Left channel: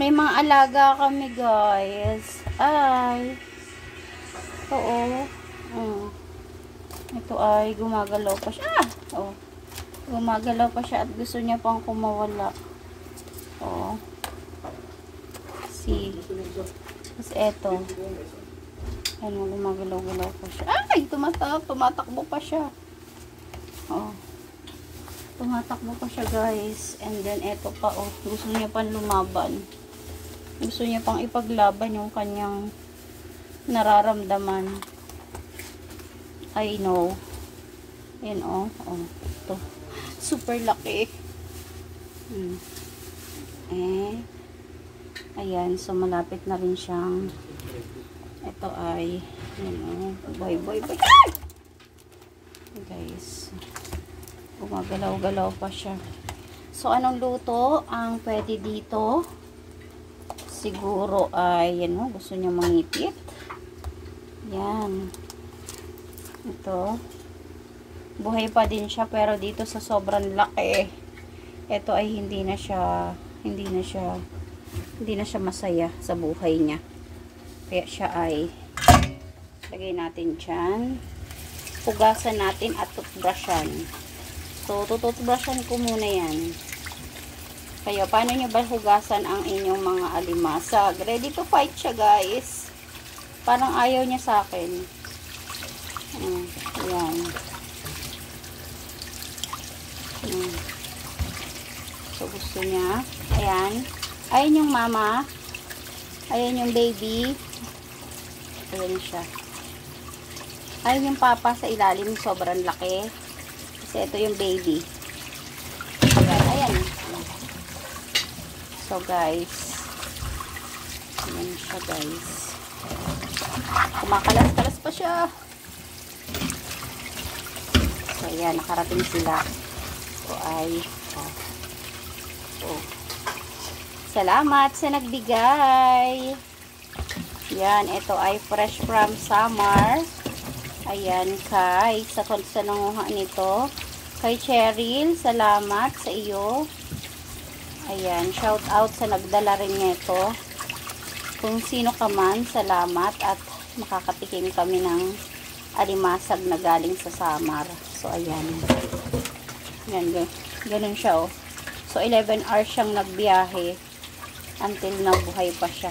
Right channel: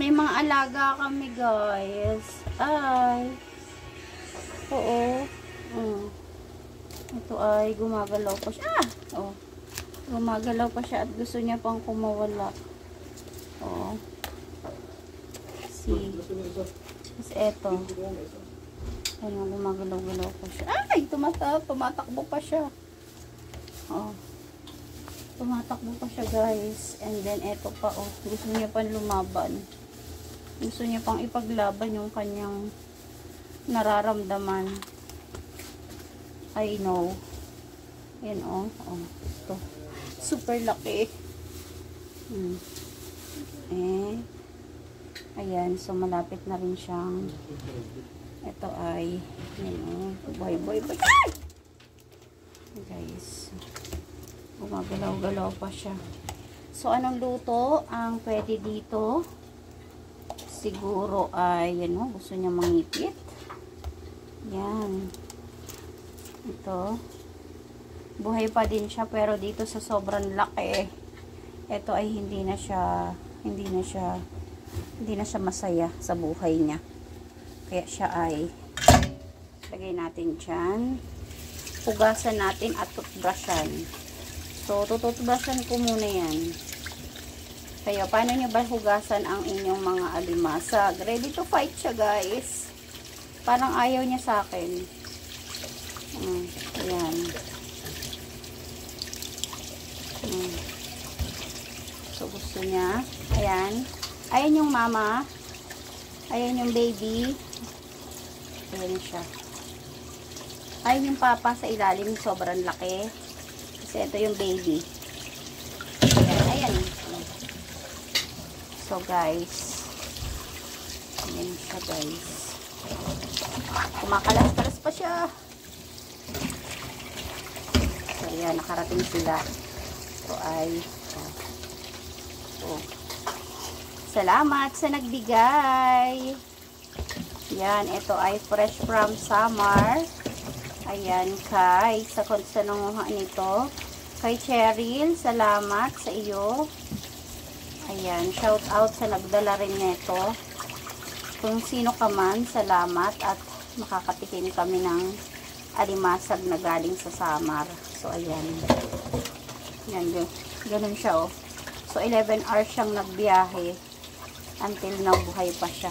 May mga alaga kami, guys. Ay. Oo. Ito ay gumagalaw pa siya. Oh. Gumagalaw pa siya at gusto niya pang kumawala. Oo. See. Tapos eto. Ano, gumagalaw-galaw pa siya. Ay! Tumatakbo pa siya. Oo. Tumatakbo pa siya, guys. And then, eto pa, oh. Gusto niya pang lumaban. Gusto niya pang ipaglaban yung kanyang nararamdaman. I know. Yan, oh. Oh. Ito. Super laki. Ayan. So, malapit na rin siyang ito ay yan, oh. Boy. Guys. Gumagalaw-galaw pa siya. So, anong luto ang pwede dito? Siguro ay, yan, oh. Gusto niya mangipit. Yan. Ito. Buhay pa din siya, pero dito sa sobrang laki, ito ay hindi na siya masaya sa buhay niya. Kaya siya ay lagay natin dyan. Hugasan natin at toothbrushan. So, tututbrushan ko muna yan. Kaya, paano nyo ba hugasan ang inyong mga alimasag? Ready to fight siya, guys. Parang ayaw niya sa akin. Ayan. So, gusto niya. Ayan. Ayan yung mama. Ayan yung baby. Ayan siya. Ayan yung papa sa ilalim. Sobrang laki. Kasi ito yung baby. Ayan. So, guys. Ayan siya, guys. Kumakalas-kalas pa siya. So, ayan. Nakarating sila. So, ay salamat sa nagbigay. Yan, ito ay fresh from Samar. Ayan, sa nanguha nito. Kay Cheryl, salamat sa iyo. Ayan, shout out sa nagdala rin nito. Kung sino ka man, salamat at makakatikim kami ng alimasag na galing sa Samar. So, ayan. Yan, ganun siya, oh. So, 11 hours siyang nagbiyahe until nabuhay pa siya.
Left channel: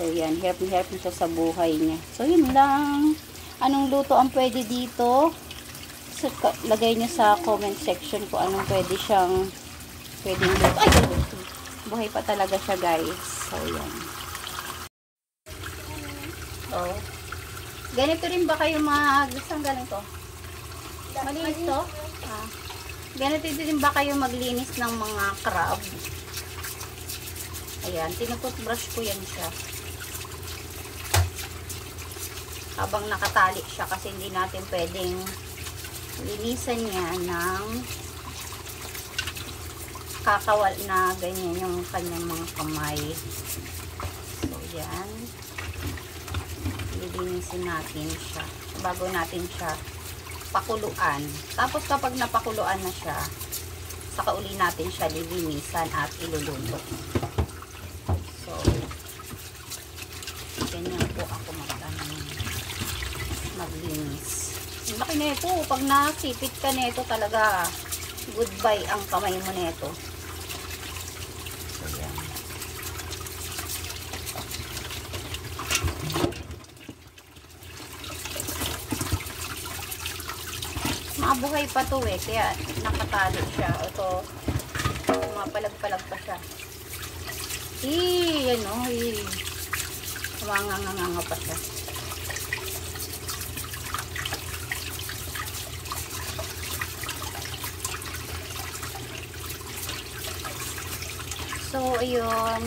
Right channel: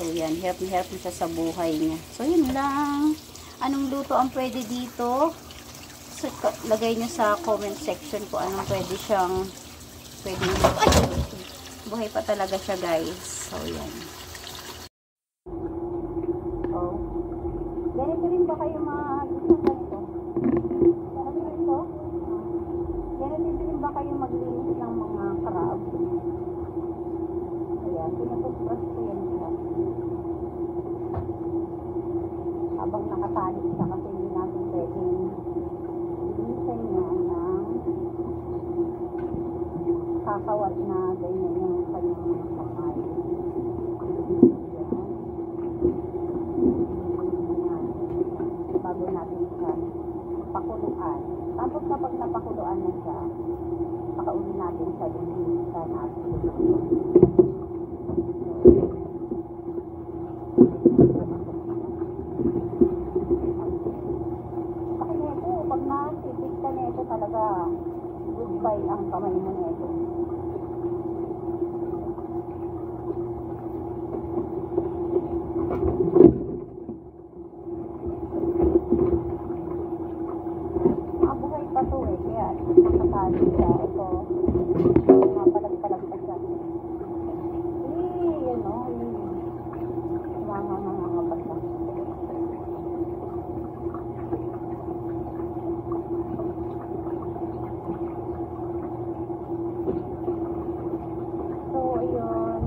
So, yan. Hirap na siya sa buhay niya. So, yun lang. Anong luto ang pwede dito? So, lagay niyo sa comment section kung anong pwede luto. Ay! Buhay pa talaga siya, guys. So, yan. So, ganito rin ba kayo gusto ganito? Malinis to? Ganito din ba kayo maglinis ng mga crab? Ayan, tinututbrush ko yan siya. Habang nakatali siya kasi hindi natin pwedeng linisan niya ng kakawal na ganyan yung kanyang mga kamay. So, yan. Linisin natin siya bago natin siya pakuluan. Tapos kapag napakuluan na siya, saka uli natin siya lilinisan at iluluto. So, ganyan po ako maglinis. Laki na ito. Pag nasipit ka na ito talaga, goodbye ang kamay mo na ito. Buhay pa to eh, kaya nakatali siya. Ito, mapalag-palag pa siya. Yan o, umanganganga pa siya. So, ayun.